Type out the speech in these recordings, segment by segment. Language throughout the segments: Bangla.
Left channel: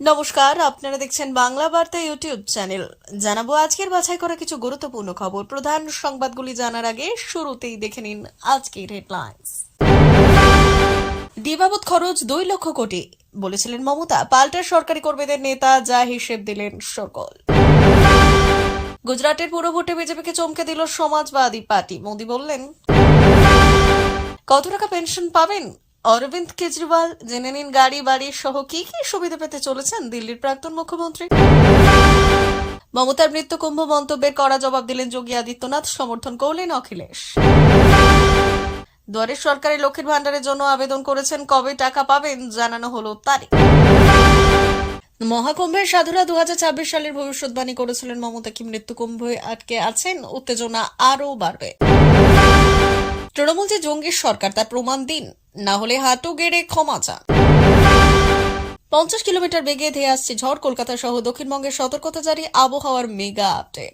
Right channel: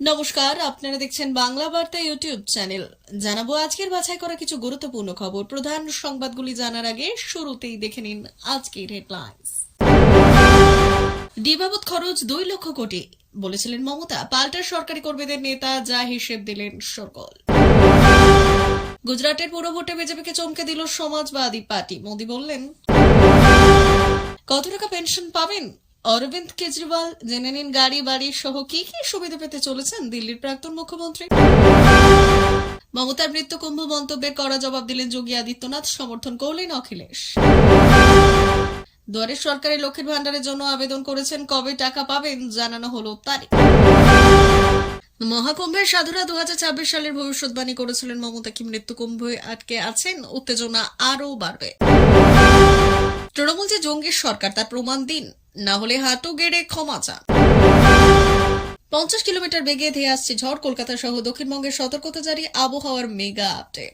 নমস্কার, আপনারা দেখছেন বাংলা বার্তা ইউটিউব চ্যানেল। জানাবো আজকের বাছাই করা কিছু গুরুত্বপূর্ণ খবর। প্রধান সংবাদগুলি জানার আগে শুরুতেই দেখে নিন আজকের হেডলাইন্স। ডি বাবদ খরচ 2 লক্ষ কোটি বলেছিলেন মমতা। পাল্টা সরকারি কর্মীদের নেতা যা হিসেব দিলেন সরকার। গুজরাটের পুরো ভোটে বিজেপিকে চমকে দিল সমাজবাদী পার্টি। মোদী বললেন, কত টাকা পেনশন পাবেন অরবিন্দ কেজরিওয়াল? জেনে নিন গাড়ি বাড়ি সহ কি কি সুবিধা পেতে চলেছেন দিল্লির প্রাক্তন মুখ্যমন্ত্রী। মমতার মৃত্যু কুম্ভ মন্তব্যের কড়া জবাব দিলেন যোগী আদিত্যনাথ, সমর্থন করলেন অখিলেশ। দুয়ারে সরকারি লক্ষ্মীর ভান্ডারের জন্য আবেদন করেছেন, কবে টাকা পাবেন জানানো হলো তারিখ। মহাকুম্ভের সাধুরা 2026 সালের ভবিষ্যৎবাণী করেছিলেন মমতা কি মৃত্যু কুম্ভে আটকে আছেন? উত্তেজনা আরও বাড়বে। তৃণমূল যে জঙ্গির সরকার তার প্রমাণ দিন, না হলে হাঁটু গেড়ে ক্ষমা চান। 50 কিলোমিটার বেগে ধেয়ে আসছে ঝড়, কলকাতা সহ দক্ষিণবঙ্গের সতর্কতা জারি। আবহাওয়ার মেগা আপডেট।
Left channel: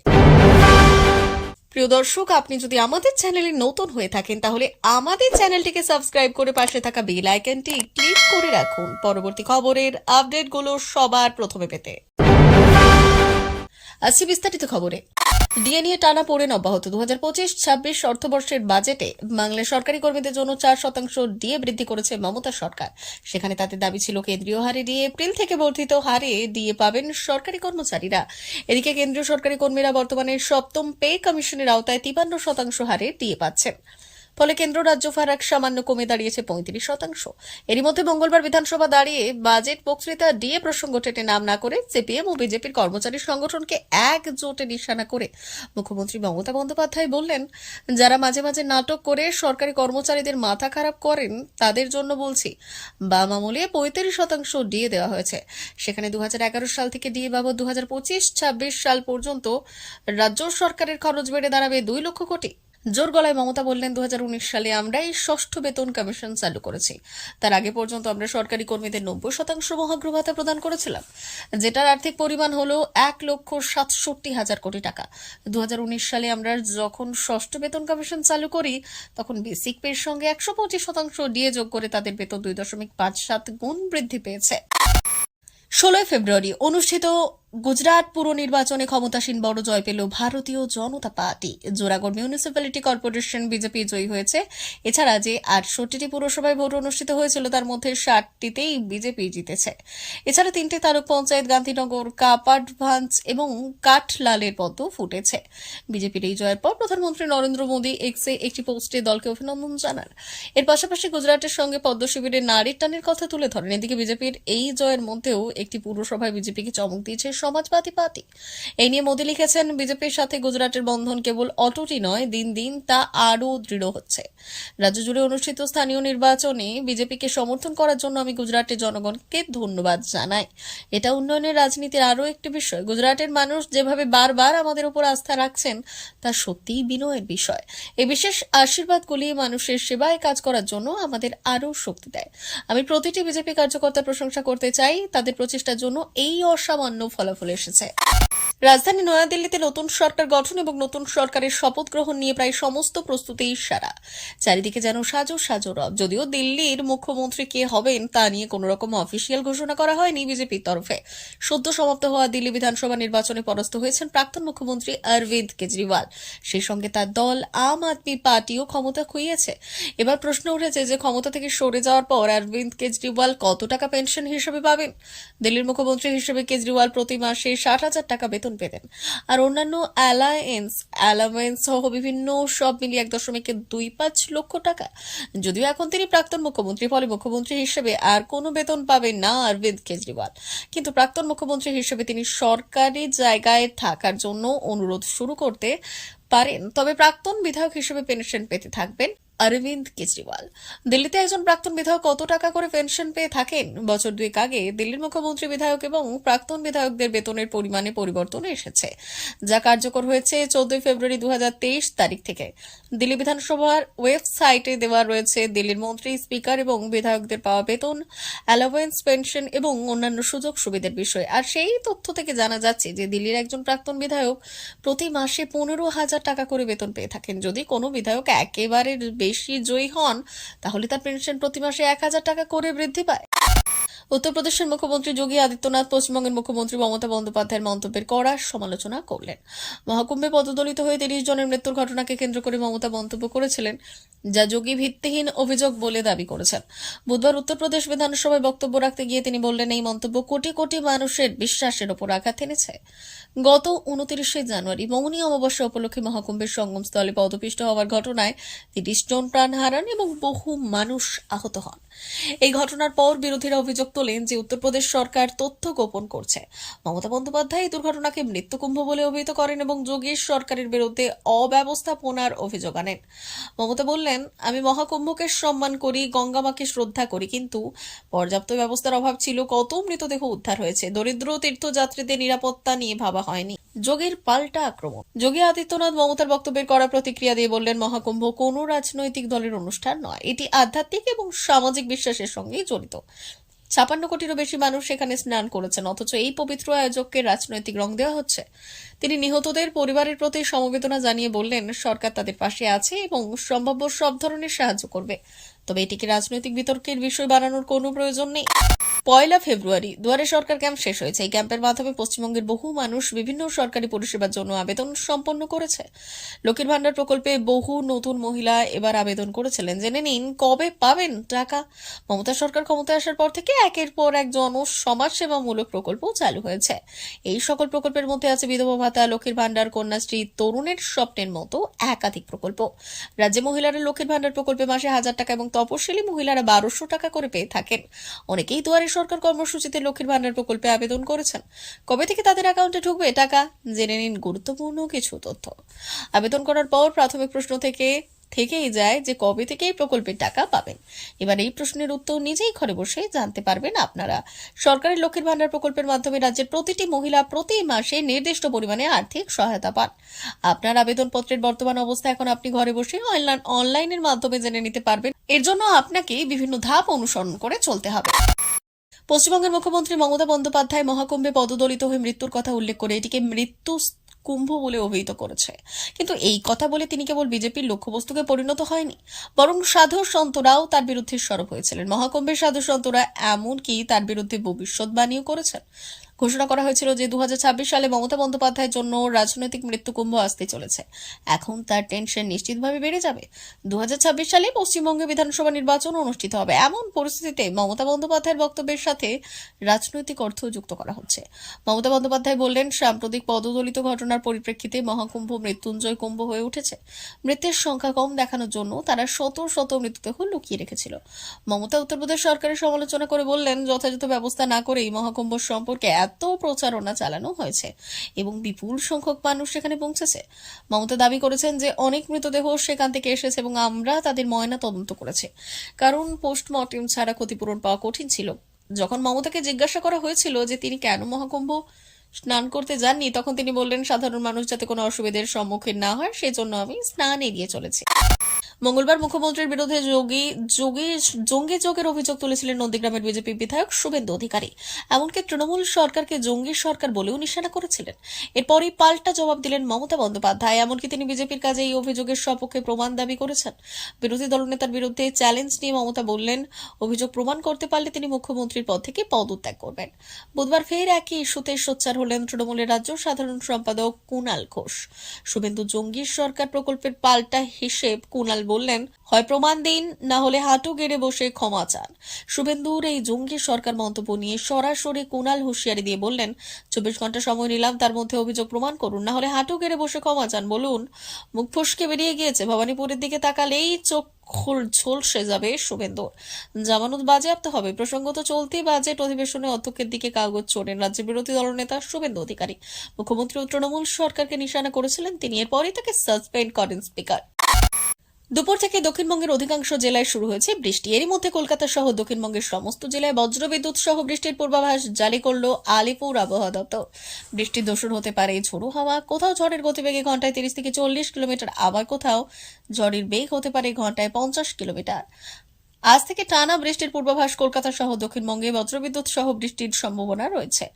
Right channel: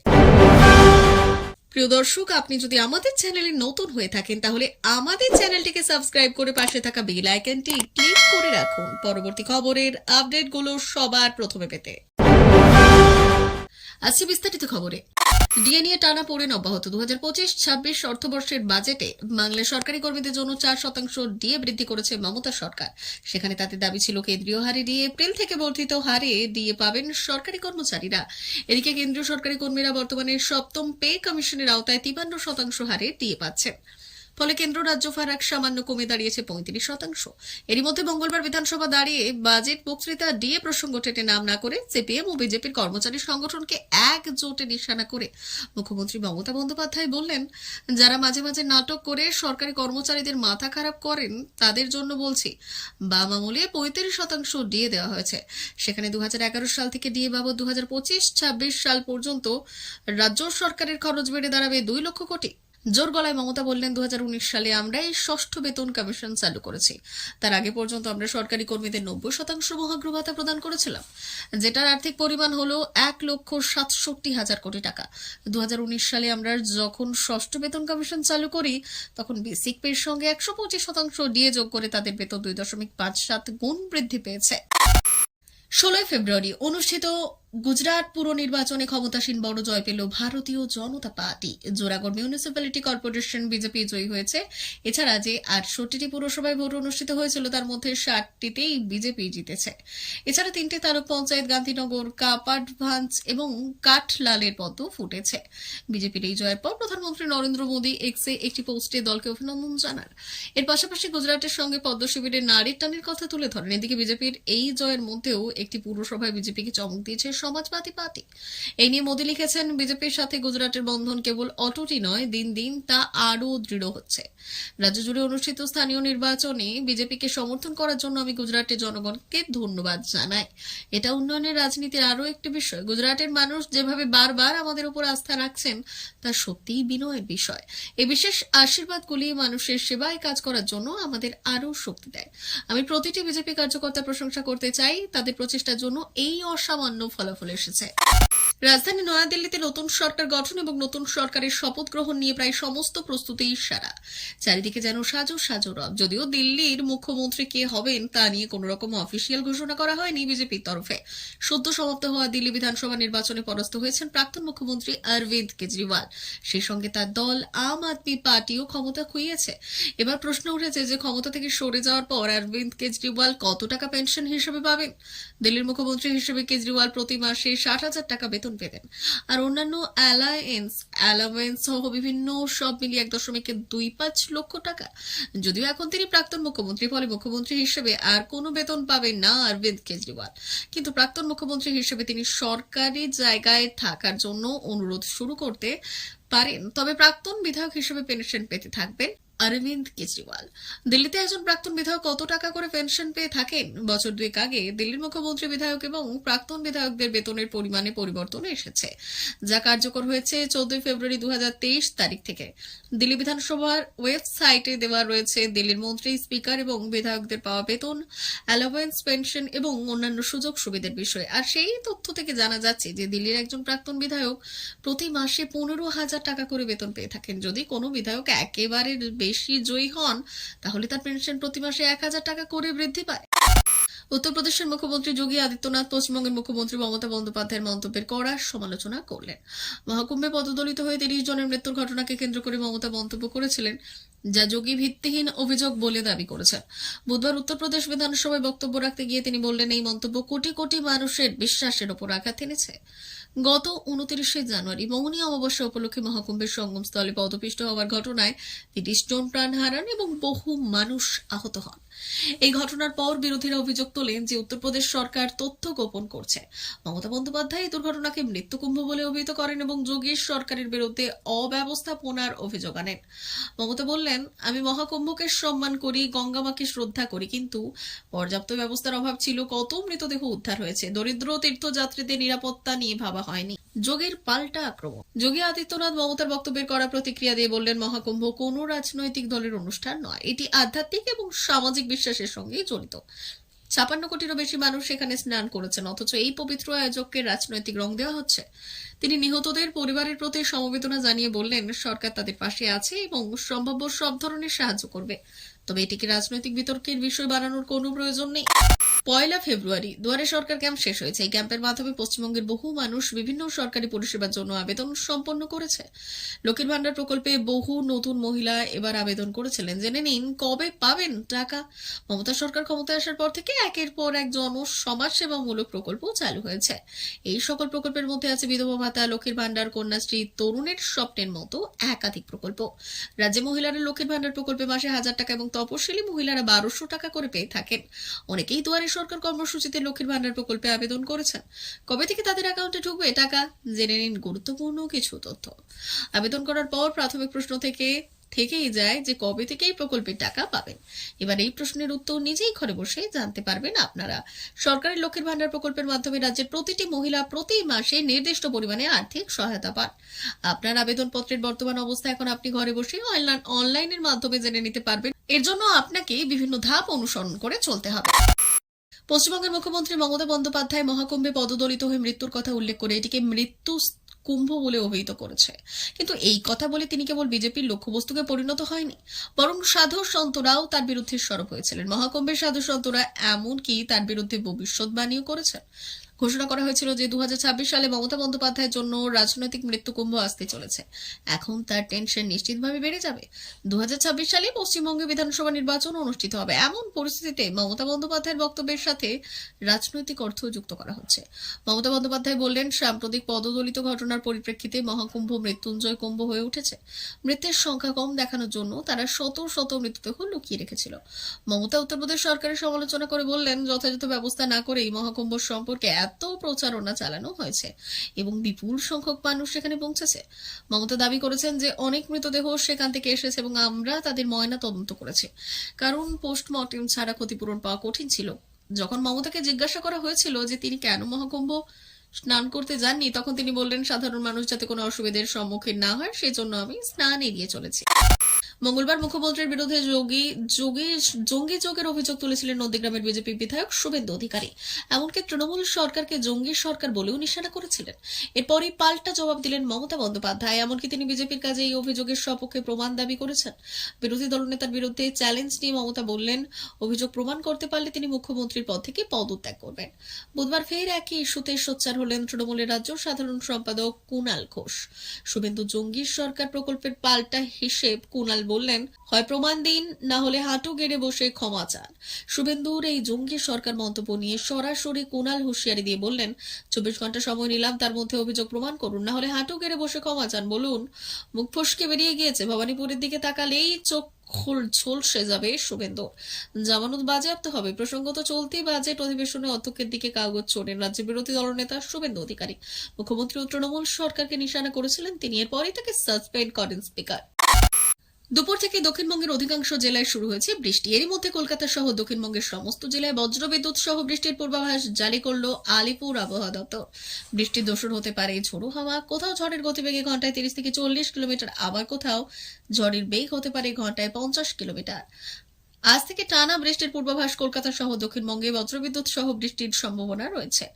প্রিয় দর্শক, আপনি যদি আমাদের চ্যানেলে নতুন হয়ে থাকেন তাহলে আমাদের চ্যানেলটিকে সাবস্ক্রাইব করে পাশে থাকা বেল আইকনটি ক্লিক করে রাখুন পরবর্তী খবরের আপডেটগুলো সবার প্রথমে পেতে। আসছি বিস্তারিত খবরে। ডিএ নিয়ে টানা পড়েন অব্যাহত। 2025-26 অর্থবর্ষের বাজেটে বাংলার সরকারি কর্মীদের জন্য 4% ডিএ বৃদ্ধি করেছে মমতা সরকার। সেখানে তাদের দাবি ছিল কেন্দ্রীয় হারে ডিএ, এপ্রিল থেকে বর্ধিত হারে ডিএ পাবেন সরকারি কর্মচারীরা। এদিকে কেন্দ্রীয় সরকারি কর্মীরা বর্তমানে সপ্তম পে কমিশনের আওতায় 53% হারে ডিএ পাচ্ছেন। ফলে কেন্দ্র রাজ্য ফারাক সামান্য কমে দাঁড়িয়েছে 35%। এরই মধ্যে মঙ্গলবার বিধানসভা দাঁড়িয়ে বাজেট বক্তৃতা ডিএ প্রসঙ্গ টেনে নাম না করে সিপিএম ও বিজেপির কর্মচারী সংগঠনকে একজোটে নিশানা করে মুখ্যমন্ত্রী মমতা বন্দ্যোপাধ্যায় বললেন, যারা মাঝে মাঝে নাটক করে সরকারি কর্মচারীদের মাথা খারাপ করেন তাদের জন্য বলছি, বাম আমলে 35% ডিএ দেওয়া হয়েছে। সেখানে 2011 সাল থেকে ডিএ বাবদ 2025-26 সাল পর্যন্ত রাজ্য সরকারের খরচ বেড়ে দাঁড়াবে 2 লক্ষ কোটি। জোর গলায় মমতা বললেন, 2019 সালে আমরাই ষষ্ঠ বেতন কমিশন চালু করেছি। তার আগে পর্যন্ত আমরা সরকারি কর্মীদের 90% মহার্ঘ ভাতা প্রদান করেছিলাম, যেটার আর্থিক পরিমাণ হলো 1,67,000 কোটি টাকা। 2019 সালে আমরা যখন ষষ্ঠ বেতন কমিশন চালু করি তখন বেসিক পের সঙ্গে 125% ডিএ যোগ করে তাদের বেতন 2.57 গুণ বৃদ্ধি পেয়েছে। 16 ফেব্রুয়ারি অনুষ্ঠিত গুজরাট পুর নির্বাচনে ক্ষমতাসীন বড় জয় পেল ভারতীয় জনতা পার্টি। জোরাগড় মিউনিসিপ্যালিটি কর্পোরেশন বিজেপি জয়ী হয়েছে। এছাড়া যে 68টি পুরসভায় ভোট অনুষ্ঠিত হয়েছিল তার মধ্যে 60টিতেই বিজেপি জিতেছে। এছাড়া 3টে তালুক পঞ্চায়েত গান্ধীনগর, কাপাডভাঞ্জ এবং কাঠলালের পদ্ম ফুটেছে। বিজেপির এই জয়ের পর প্রধানমন্ত্রী নরেন্দ্র মোদী এক্সে একটি পোস্টে দলকে অভিনন্দন জানান। এর পাশাপাশি গুজরাটের সঙ্গে পদ্ম শিবিরের নারীর টানের কথা তুলে ধরেন। এদিকে বিজেপির এই জয়ের মধ্যেও একটি পুরসভায় বিজেপিকে চমক দিয়েছে সমাজবাদী পার্টি। এই নিয়ে মোদী লিখেছেন, বিজেপির সাথে গুজরাটের বন্ধন কেবল অটুটই নয়, দিন দিন তা আরও দৃঢ় হচ্ছে। রাজ্য জুড়ে অনুষ্ঠিত স্থানীয় নির্বাচনে বিজেপিকে সমর্থন করার জন্য আমি গুজরাটের জনগণকে ধন্যবাদ জানাই। এটা উন্নয়নের রাজনীতির আরও একটি বিষয়। গুজরাটের মানুষ যেভাবে বারবার আমাদের উপর আস্থা রাখছেন তা সত্যিই বিনয়ের বিষয়। এই বিশেষ আশীর্বাদগুলি মানুষের সেবায় কাজ করার জন্য আমাদের আরও শক্তি দেয়। আমি প্রতিটি বিজেপি কার্যকর্তার প্রশংসা করতে চাই, তাদের প্রচেষ্টার জন্য এই অসামান্য ফলাফল এসেছে। রাজধানী নয়াদিল্লিতে নতুন সরকার গঠন এবং নতুন সরকারের শপথ গ্রহণ নিয়ে প্রায় সমস্ত প্রস্তুতি সারা। চারিদিকে যেন সাজো সাজো রব। যদিও দিল্লির মুখ্যমন্ত্রী কে হবেন তা নিয়ে কোন রকম অফিসিয়াল ঘোষণা করা হয়নি বিজেপির তরফে। সদ্য সমাপ্ত হওয়া দিল্লি বিধানসভা নির্বাচনে পরাস্ত হয়েছেন প্রাক্তন মুখ্যমন্ত্রী অরবিন্দ কেজরিওয়াল। সেই সঙ্গে তার দল আম আদমি পার্টিও ক্ষমতা খুইয়েছে। এবার প্রশ্ন উঠেছে যে ক্ষমতা থেকে সরে যাওয়ার পর অরবিন্দ কেজরিওয়াল কত টাকা পেনশন হিসেবে পাবেন। দিল্লির মুখ্যমন্ত্রী হিসেবে কেজরিওয়াল প্রতি মাসে 60,000 টাকা বেতন পেতেন, আর অন্যান্য অ্যালাওয়েন্স সহ বিভিন্ন সব মিলিয়ে 1.25 লক্ষ টাকা। যদিও এখন তিনি প্রাক্তন মুখ্যমন্ত্রী, ফলে মুখ্যমন্ত্রী হিসেবে আর কোনো বেতন পাবেন না অরবিন্দ কেজরিওয়াল। কিন্তু প্রাক্তন মুখ্যমন্ত্রী হিসেবে তিনি সরকারি জায়গায় থাকার জন্য অনুরোধ শুরু করতে পারেন। তবে প্রাক্তন বিধায়ক হিসেবে পেনশন পেতে থাকবেন অরবিন্দ কেজরিওয়াল। দিল্লিতে একজন প্রাক্তন বিধায়ক কত টাকা করে পেনশন পেয়ে থাকেন? বছর 2 আগে দিল্লির মুখ্যমন্ত্রী, বিধায়ক এবং প্রাক্তন বিধায়কদের বেতনের পরিমাণে পরিবর্তন এসেছে, যা কার্যকর হয়েছে 14 ফেব্রুয়ারি 2023 তারিখ থেকে। দিল্লি বিধানসভার ওয়েবসাইটে দেওয়া রয়েছে দিল্লির মন্ত্রী, স্পিকার এবং বিধায়কদের পাওয়া বেতন, অ্যালাওয়েন্স, পেনশন এবং অন্যান্য সুযোগ সুবিধার বিষয়। আর সেই তথ্য থেকে জানা যাচ্ছে যে দিল্লির একজন প্রাক্তন বিধায়ক প্রতি মাসে 15,000 টাকা করে বেতন পেয়ে থাকেন। যদি কোনো বিধায়ক একেবারে বেশি জয়ী হন তাহলে তার পেনশন প্রতি মাসে 1,000 টাকা করে বৃদ্ধি পায়। উত্তরপ্রদেশের মুখ্যমন্ত্রী যোগী আদিত্যনাথ পশ্চিমবঙ্গের মুখ্যমন্ত্রী মমতা বন্দ্যোপাধ্যায়ের মন্তব্যের কড়া সমালোচনা করলেন। মহাকুম্ভে পদদলিত হয়ে ৩০ জনের মৃত্যুর ঘটনাকে কেন্দ্র করে মমতা মন্তব্য করেছিলেন, যা যোগী ভিত্তিহীন অভিযোগ বলে দাবি করেছেন। বুধবার উত্তরপ্রদেশ বিধানসভায় বক্তব্য রাখতে গিয়ে তিনি বললেন, এই মন্তব্য কোটি কোটি মানুষের বিশ্বাসের ওপর আঘাত এনেছে। গত 29শে জানুয়ারি মৌনী অমাবস্যা উপলক্ষে মহাকুম্ভের সঙ্গমস্থলে পদপিষ্ট হওয়ার ঘটনায় ৩০ জন প্রাণ হারান এবং বহু মানুষ আহত হন। এই ঘটনার পর বিরোধীরা অভিযোগ তোলেন যে উত্তরপ্রদেশ সরকার তথ্য গোপন করছে। মমতা বন্দ্যোপাধ্যায় এই দুর্ঘটনাকে মৃত্যুকুম্ভ বলে অভিহিত করেন এবং যোগীর সরকারের বিরুদ্ধে অব্যবস্থাপনার অভিযোগ আনেন। মমতা বললেন, আমি মহাকুম্ভকে সম্মান করি, গঙ্গামাকে শ্রদ্ধা করি, কিন্তু পর্যাপ্ত ব্যবস্থার অভাব ছিল। কত মৃতদেহ উদ্ধার হয়েছে, দরিদ্র তীর্থযাত্রীদের নিরাপত্তা নিয়ে ভাবা হয়নি। যোগীর পাল্টা আক্রমণ। যোগী আদিত্যনাথ মমতার বক্তব্যের কড়া প্রতিক্রিয়া দিয়ে বললেন, মহাকুম্ভ কোনো রাজনৈতিক দলের অনুষ্ঠান নয়, এটি আধ্যাত্মিক এবং সামাজিক বিশ্বাসের সঙ্গে জড়িত। ৫৬ কোটিরও বেশি মানুষ সেখানে স্নান করেছেন, অথচ এই পবিত্র আয়োজককে রাজনৈতিক রং দেওয়া হচ্ছে। তিনি নিহতদের পরিবারের প্রতি সমবেদনা জানিয়ে বললেন, সরকার তাদের পাশে আছে এবং সম্ভাব্য সব ধরনের সাহায্য করবে, তবে এটিকে রাজনৈতিক বিতর্কের বিষয় বানানোর কোনো প্রয়োজন নেই। ১ ফেব্রুয়ারি দুয়ারে সরকার ক্যাম্প শেষ হয়েছে। এই ক্যাম্পের মাধ্যমে পশ্চিমবঙ্গের বহু মানুষ বিভিন্ন সরকারি পরিষেবার জন্য আবেদন সম্পন্ন করেছে। লক্ষ্মীর ভান্ডার প্রকল্পে বহু নতুন মহিলা এবার আবেদন করেছিলেন। জেনে নিন কবে পাবেন টাকা। মমতা সরকার ক্ষমতায় আসার পর থেকে একের পর এক সমাজসেবামূলক প্রকল্প চালু হয়েছে। এই সকল প্রকল্পের মধ্যে আছে বিধবা ভাতা, লক্ষ্মীর ভান্ডার, কন্যাশ্রী, তরুণের স্বপ্নের মতো একাধিক প্রকল্প। রাজ্যে মহিলারা লক্ষ্মীর ভান্ডার প্রকল্পে মাসে ১,০০০ টাকা এবং তপশিলি মহিলারা ১,২০০ টাকা করে পেয়ে থাকেন। অনেকেই দুয়ারে সরকার কর্মসূচিতে লক্ষ্মীর ভান্ডার প্রকল্পে আবেদন করেছেন। কবে থেকে তাদের অ্যাকাউন্টে ঢুকবে টাকা, জেনে নিন গুরুত্বপূর্ণ কিছু তথ্য। আবেদন করার পর প্রাথমিক প্রশ্ন থেকেই যায় যে কবে থেকে এই প্রকল্পের টাকা পাবেন। এবার এই প্রশ্নের উত্তর নিজেই ঘরে বসে জানতে পারবেন আপনারা। সরকারি লক্ষ্মীর ভান্ডার প্রকল্পের মাধ্যমে রাজ্যের প্রতিটি মহিলা প্রতি মাসে নির্দিষ্ট পরিমাণে আর্থিক সহায়তা পান। আপনার আবেদনপত্রের বর্তমান অবস্থা এখন আপনি ঘরে বসে অনলাইনের মাধ্যমে জেনে নিতে পারবেন। এর জন্য আপনাকে বিভিন্ন ধাপ অনুসরণ করে চলতে হবে। পশ্চিমবঙ্গের মুখ্যমন্ত্রী মমতা বন্দ্যোপাধ্যায় মহাকুম্ভে পদদলিত হয়ে মৃত্যুর কথা উল্লেখ করে এটিকে মৃত্যু কুম্ভ বলে অভিহিত করেছে। কিন্তু এই কথা বলে তিনি কেবল বিজেপির লক্ষ্যবস্তুকে পরিণত হয়নি, বরং সাধু সন্তরাও তার বিরুদ্ধে সরব হয়েছিলেন। মহাকুম্ভের সাধু সন্তরা এমনকি তার বিরুদ্ধে ভবিষ্যৎবাণীও করেছেন। ঘোষণা করা হয়েছিল যে ২০২৬ সালে মমতা বন্দ্যোপাধ্যায়ের জন্য রাজনৈতিক মৃত্যুকুম্ভ আসতে চলেছে। এখন তার টেনশন নিশ্চিতভাবে বেড়ে যাবে। ২০২৬ সালে পশ্চিমবঙ্গে বিধানসভা নির্বাচন অনুষ্ঠিত হবে। এমন পরিস্থিতিতে মমতা বন্দ্যোপাধ্যায়ের বক্তব্যের সাথে রাজনৈতিক অর্থ যুক্ত করা হচ্ছে। মমতা বন্দ্যোপাধ্যায় বললেন, সাম্প্রতিক পদদলিত ঘটনার পরিপ্রেক্ষিতে মহাকুম্ভ মৃত্যুঞ্জয় কুম্ভ হয়ে উঠেছে। মৃতের সংখ্যা কম দেখানোর জন্য তারা শত শত মৃতদেহ লুকিয়ে রেখেছিল। মমতা উত্তরপ্রদেশ সরকারের সমালোচনা করে বললেন, যথাযথ ব্যবস্থা না করেই মহাকুম্ভ সম্পর্কে এত প্রচারণা চালানো হয়েছে এবং বিপুল সংখ্যক মানুষ সেখানে পৌঁছেছে। মমতা দাবি করেছেন যে অনেক মৃতদেহ সেখান থেকে এসেছে এবং আমরা তাদের ময়না তদন্ত করেছি, কারণ পোস্টমর্টেম ছাড়া ক্ষতিপূরণ পাওয়া কঠিন ছিল। যখন মমতাকে জিজ্ঞাসা করা হয়েছিল যে তিনি কেন মহাকুম্ভ স্নান করতে যাননি, তখন তিনি বললেন, সাধারণ মানুষ যাতে কোনো অসুবিধার সম্মুখীন না হয় সেজন্য আমি স্নান এড়িয়ে চলেছি। মঙ্গলবার মুখ্যমন্ত্রীর বিরুদ্ধে জঙ্গি যোগের অভিযোগ তুলেছিলেন নন্দীগ্রামের বিজেপি বিধায়ক শুভেন্দু অধিকারী। এমনকি তৃণমূল সরকারকে জঙ্গি সরকার বলেও নিশানা করেছিলেন। এরপরই পাল্টা জবাব দিলেন মমতা বন্দ্যোপাধ্যায়। এমনকি তিনি বিজেপির কাজে এই অভিযোগের সপক্ষে প্রমাণ দাবি করেছেন। বিরোধী দলনেতার বিরুদ্ধে চ্যালেঞ্জ নিয়ে মমতা বললেন, অভিযোগ প্রমাণ করতে পারলে তিনি মুখ্যমন্ত্রীর পদ থেকে পদত্যাগ করবেন। বুধবার ফের একই ইস্যুতে সোচ্চার হলেন তৃণমূলের রাজ্য সাধারণ সম্পাদক কুণাল ঘোষ। শুভেন্দু জঙ্গি সরকার প্রকল্পের পাল্টা হিসেব কুণাল বললেন, হয় প্রমাণ দিন, না হলে হাঁটু গেড়ে বসে ক্ষমা চান। শুভেন্দুর এই জঙ্গি সরকার মন্তব্য নিয়ে সরাসরি কুণাল হুঁশিয়ারি দিয়ে বললেন, ২৪ ঘন্টা সময় নিলাম, তার মধ্যে অভিযোগ প্রমাণ করুন, না হলে হাঁটু গেড়ে বসে ক্ষমা চান। বলুন, মুখ ফসকে বেরিয়ে গিয়েছে। ভবানীপুরের দিকে তাকালেই চোখ ঝলসে যাবে শুভেন্দুর। জামানত বাজেয়াপ্ত হবে। প্রসঙ্গত, চলতি বাজেট অধিবেশনে অধ্যক্ষের দিকে কাগজ ছোড়েন রাজ্যের বিরোধী দলনেতা শুভেন্দু অধিকারী। মুখ্যমন্ত্রী ও তৃণমূল সরকারকে নিশানা করেছিলেন তিনি। এরপরই তাকে সাসপেন্ড করেন স্পিকার। দুপুর থেকে দক্ষিণবঙ্গের অধিকাংশ জেলায় শুরু হয়েছে বৃষ্টি। এরই মধ্যে কলকাতা সহ দক্ষিণবঙ্গের সমস্ত জেলায় বজ্রবিদ্যুৎ সহ বৃষ্টির পূর্বাভাস জারি করল আলিপুর আবহাওয়া দপ্তর। বৃষ্টির দোসর হতে পারে ঝোড়ো হাওয়া। কোথাও ঝড়ের গতিবেগে ঘন্টায় ৩০ থেকে ৪০ কিলোমিটার, আবার কোথাও ঝড়ের বেগ হতে পারে ঘন্টায় ৫০ কিলোমিটার। আজ থেকে টানা বৃষ্টির পূর্বাভাস। কলকাতা সহ দক্ষিণবঙ্গে বজ্রবিদ্যুৎ সহ বৃষ্টির সম্ভাবনা রয়েছে।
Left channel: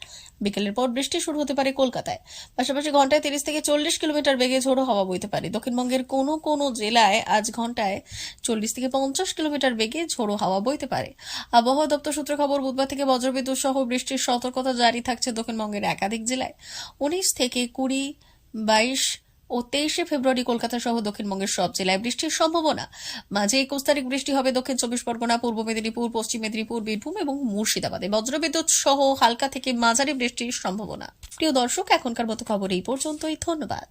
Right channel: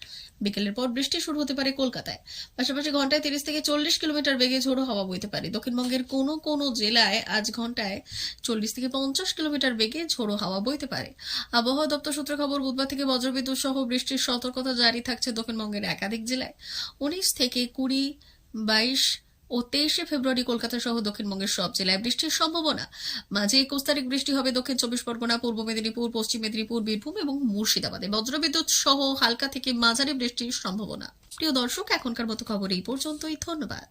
বিকেলের পর বৃষ্টি শুরু হতে পারে কলকাতায়। পাশাপাশি ঘন্টায় 30 থেকে 40 কিলোমিটার বেগে ঝোড়ো হাওয়া বইতে পারে। দক্ষিণবঙ্গের কোনো কোনো জেলায় আজ ঘন্টায় 40 থেকে 50 কিলোমিটার বেগে ঝোড়ো হাওয়া বইতে পারে। আবহাওয়া দপ্তর সূত্রে খবর, বুধবার থেকে বজ্রবিদ্যুৎ সহ বৃষ্টির সতর্কতা জারি থাকছে দক্ষিণবঙ্গের একাধিক জেলায়। 19 থেকে 20, 22 ও 23 ফেব্রুয়ারি কলকাতা সহ দক্ষিণবঙ্গের সব জেলায় বৃষ্টির সম্ভাবনা। মাঝে 21 তারিখ বৃষ্টি হবে দক্ষিণ 24 পরগনা, পূর্ব মেদিনীপুর, পশ্চিম মেদিনীপুর, বীরভূম এবং মুর্শিদাবাদে। বজ্রবিদ্যুৎ সহ হালকা থেকে মাঝারি বৃষ্টির সম্ভাবনা। প্রিয় দর্শক, এখনকার মতো খবর এই পর্যন্তই। ধন্যবাদ।